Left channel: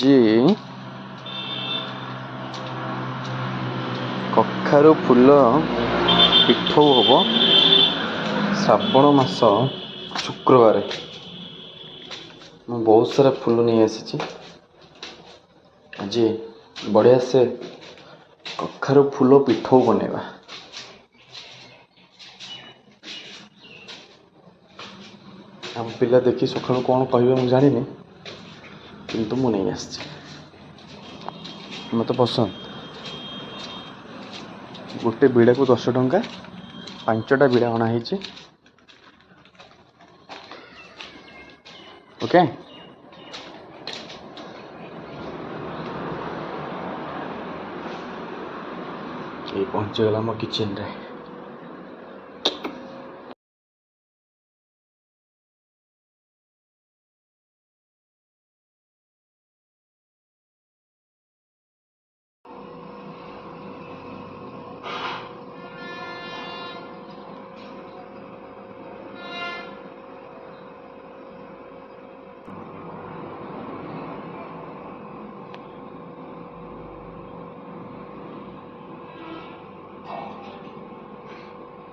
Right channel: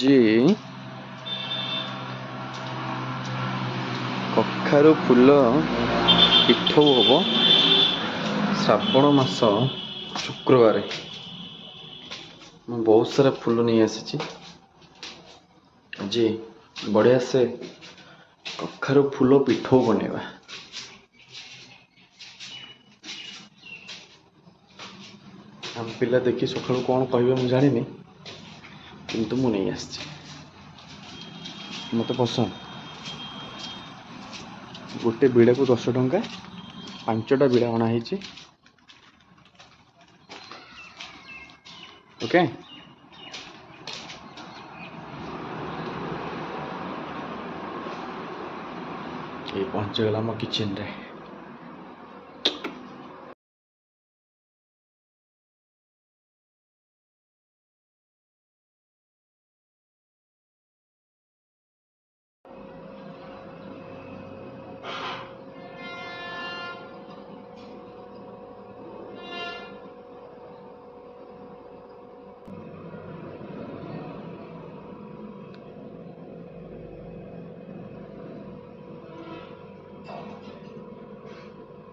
जी कखारु फूल पिठौ हम श्रावण मास शुक्रवार बहुत सारा फूल नहीं आसी आज बढ़िया से कखारु फूल पिठौ बनेगा। हम पिला देखी सकाळु कौन कहे मुझे जानी किंतु मु नहीं आसी मत पसंद गोटे बिड़ा को 10 टंका 5टा बिड़ा अणाई ओके। ये पहुंचगला मो किचन रे।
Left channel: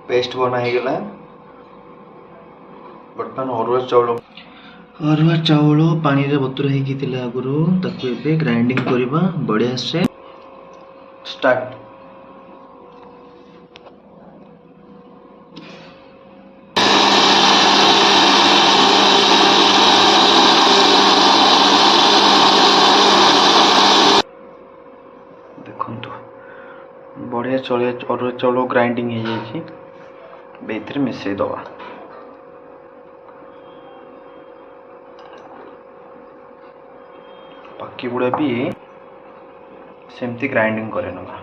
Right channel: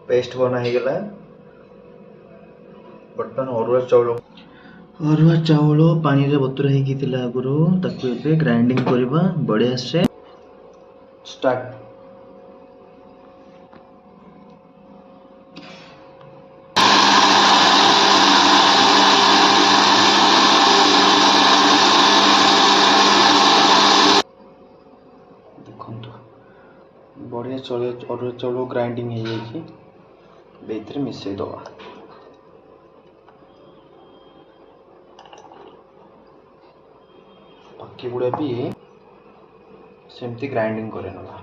पेस्ट बना गला बर्तमान अरुआ चाउल पानी रे बतुरा हेकी थिला आगुरु ताकू एबे ग्राइंडिंग करबा बढ़िया से स्टार्ट। देखंतु बढ़िया चले अरुआ चाउल ग्राइंडिंग हो जाई बेथरे मिसई दवा। बाकी गुड़ा भी सेमती ग्राइंडिंग करे नवा।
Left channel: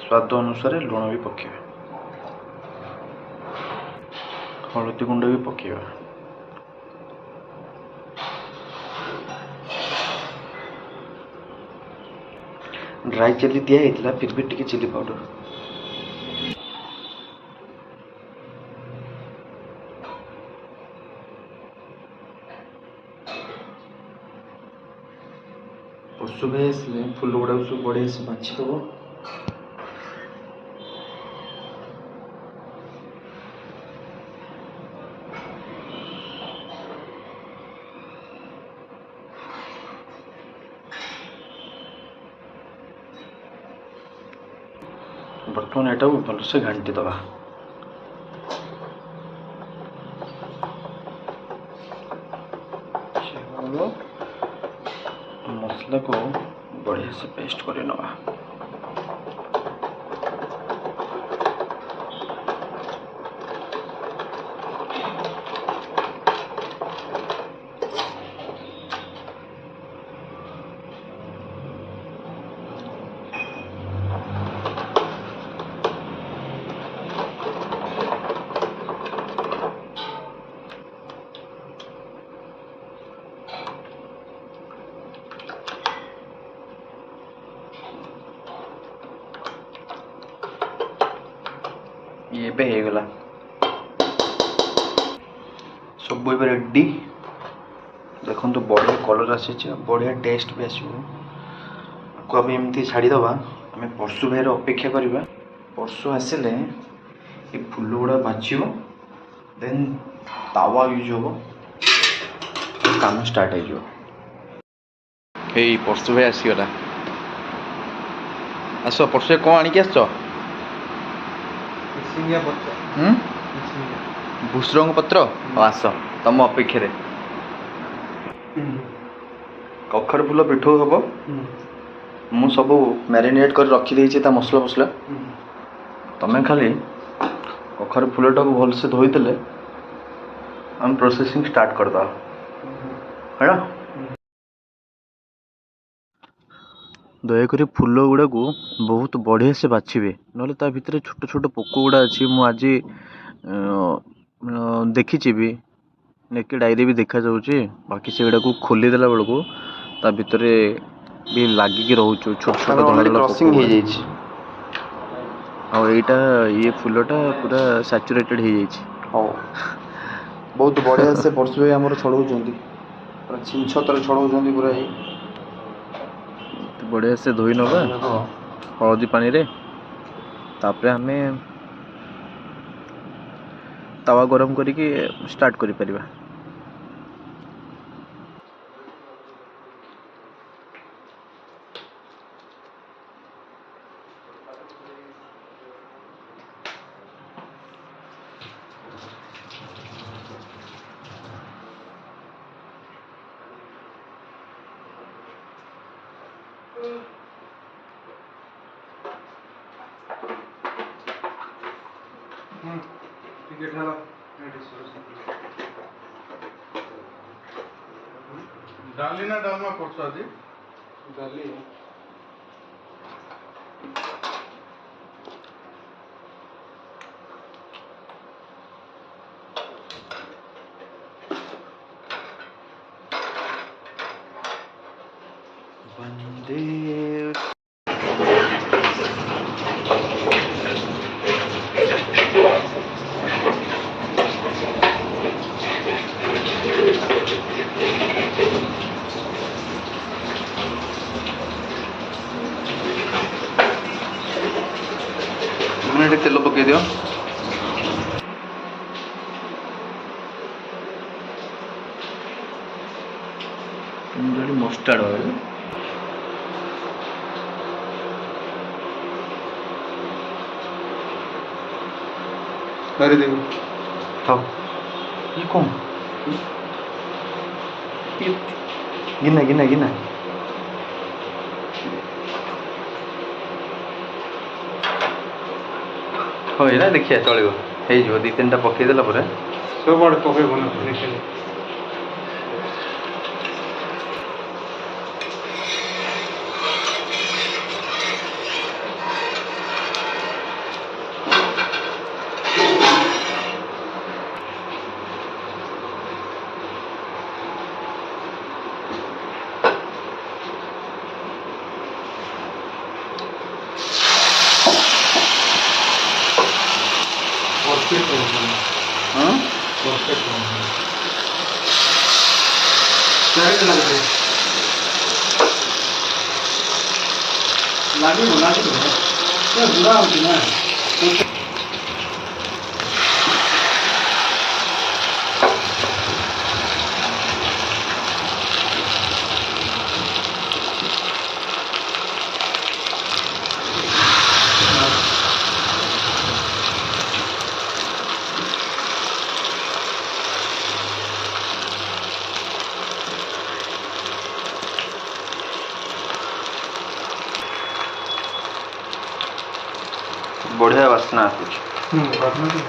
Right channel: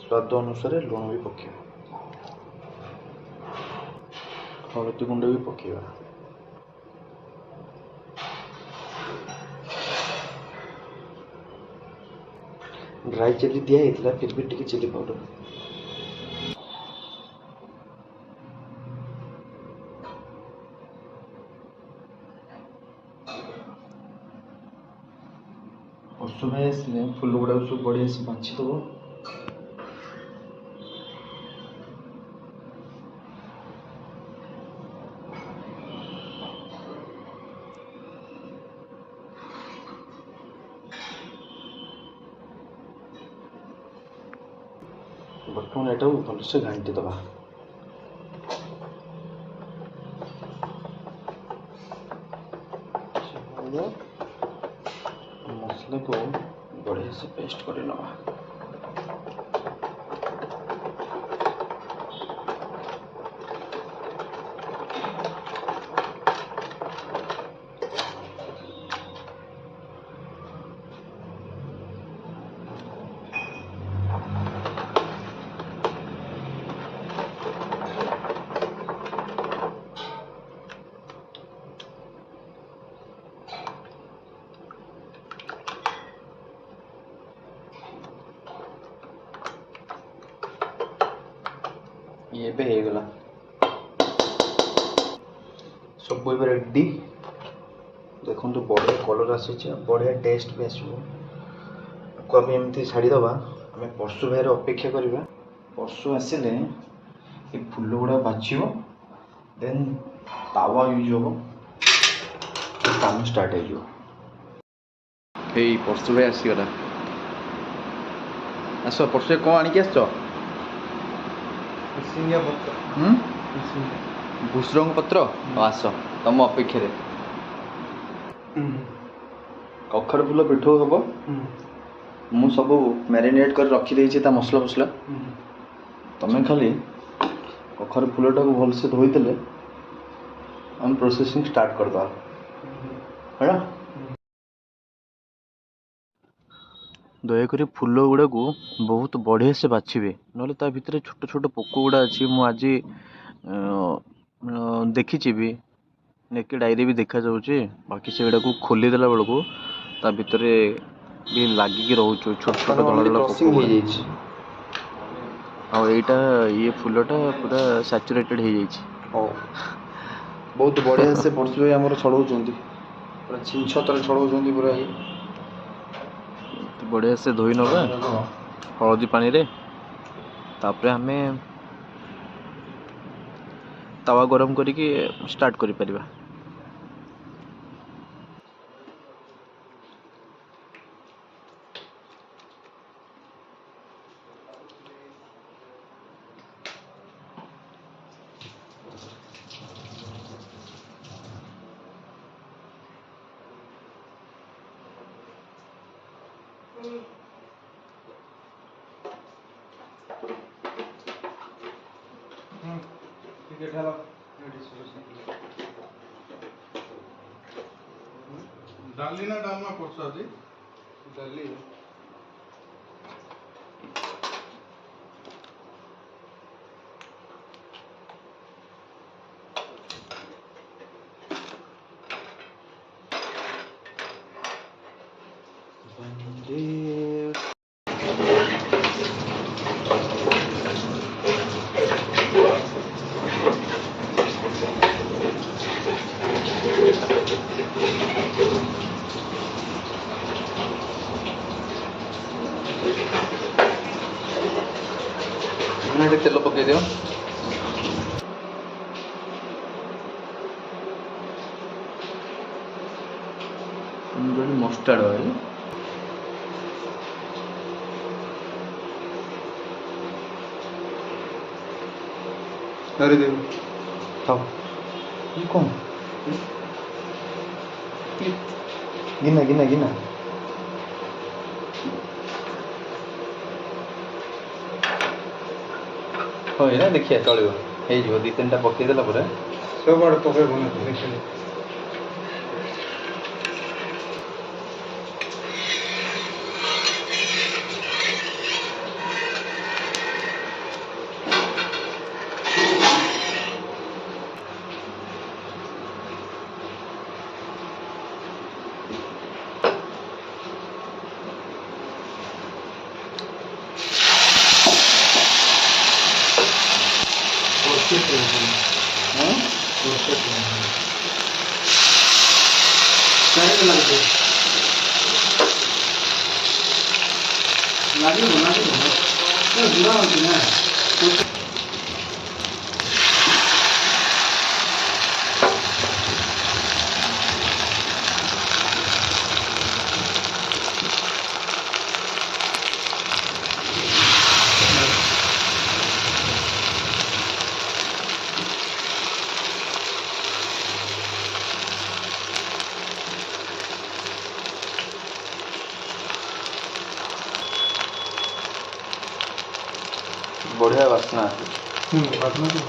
स्वाद अनुसार लुण भी पकेबे हलदी गुंड भी पकेबा। ड्राई चिली दिया है फिर भी टिके चिली पाउडर सुबह फूल गुड़ा सब बढ़िया से बाछी दब। बर्तमान एटा भलसे घांटी दबा। मसला को बढ़िया से पेस्ट कर नवा। ये पे हो गला सब रेडी। देखो तो बढ़िया कलर आसी बढ़िया टेस्ट भी आसो। आम एमती छाड़ीदबा आम परशु भाई अपेक्षा करवा। परशु आसिले ये फूल गुड़ा बाछिब देन तावा यूज हम काम स्टार्ट हो। परशु भाई आसीगला आस परशु कौन आणिक आस भूसरंग पत्र आस तम अपेक्षा कखारु फूल पिठौ हम मु सब मैरिनेट कर रखी देछि ता मसला मसला तमें खाली कखर फूलटा को भल से धोईदेले हम प्रोसेसिंग स्टार्ट कर दो है। दयाकोरी फूल गुड़ा को बहुत बढ़िया से बाछिबे नले ता भितर छोट छोट पोक गुड़ा अच्छी मु आज देखी भी नेके डायरी भी देखा जाऊँगी बाकी से को खोली देला बेलू ता भितर भी लागिकी रोच छोट छोट धड़ा धड़ा पोक आईटा ये फूलटा पूरा सैचुरेटेड हो जाइए। हाँ बहुत बढ़िया से परशु भाई आमर छड़ाऊँच पूरा छिंछ तर छड़ाऊँ पूरा ही बढ़िया से धोई नवा हलदी पानी रे तापरे हमें तवा गरम करिकी स्टार्ट करि परिबा। डाली ना डालना परसों आदि डाली वंदे तेल पकई दियो मस्टार्ड ऑयल अरे देखो हाँ ये कौन गिना गिना गिना हो ना देखिए चलो हो दी तीन टा पकईदेला सब आड़े पकड़ ना देखिए हाँ बुरा होती ना बढ़िया बास्ना आसुच बातना तो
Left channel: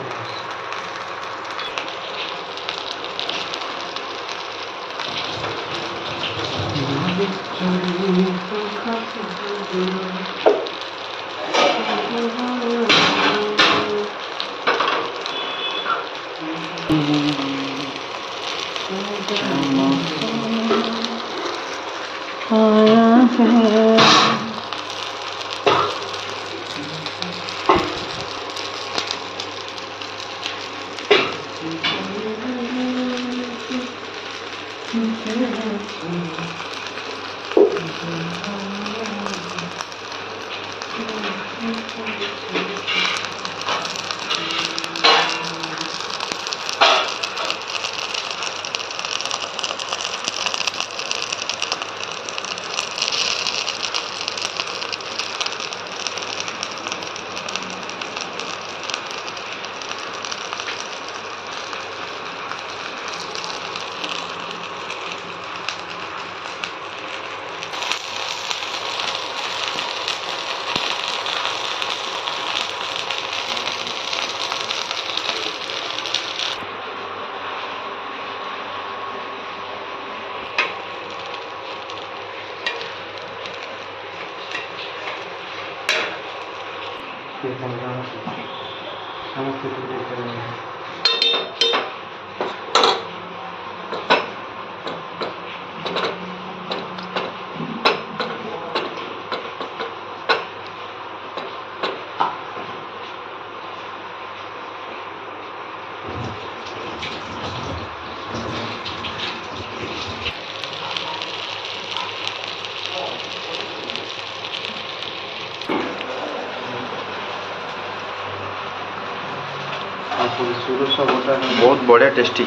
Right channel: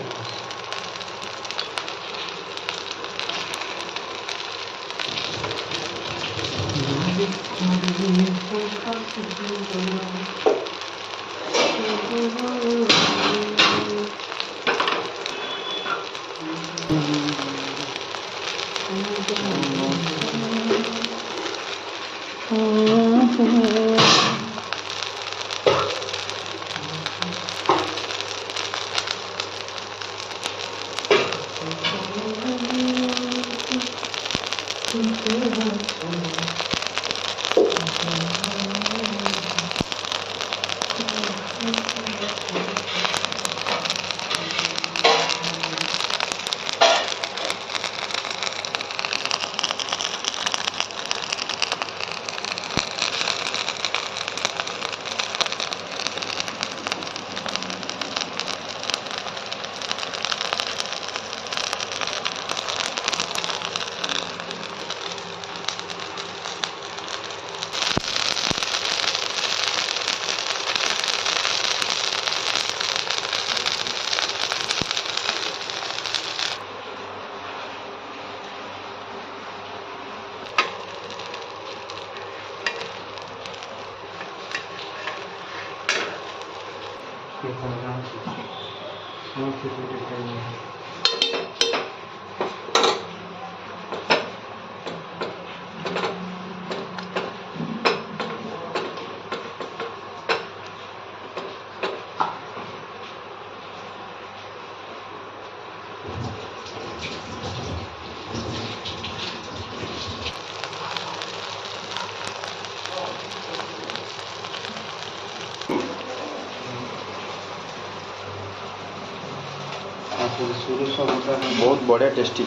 सुरक्षा बटा बहुत बढ़िया टेस्टी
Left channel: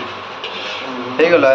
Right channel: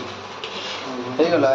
ହେଇଗଲା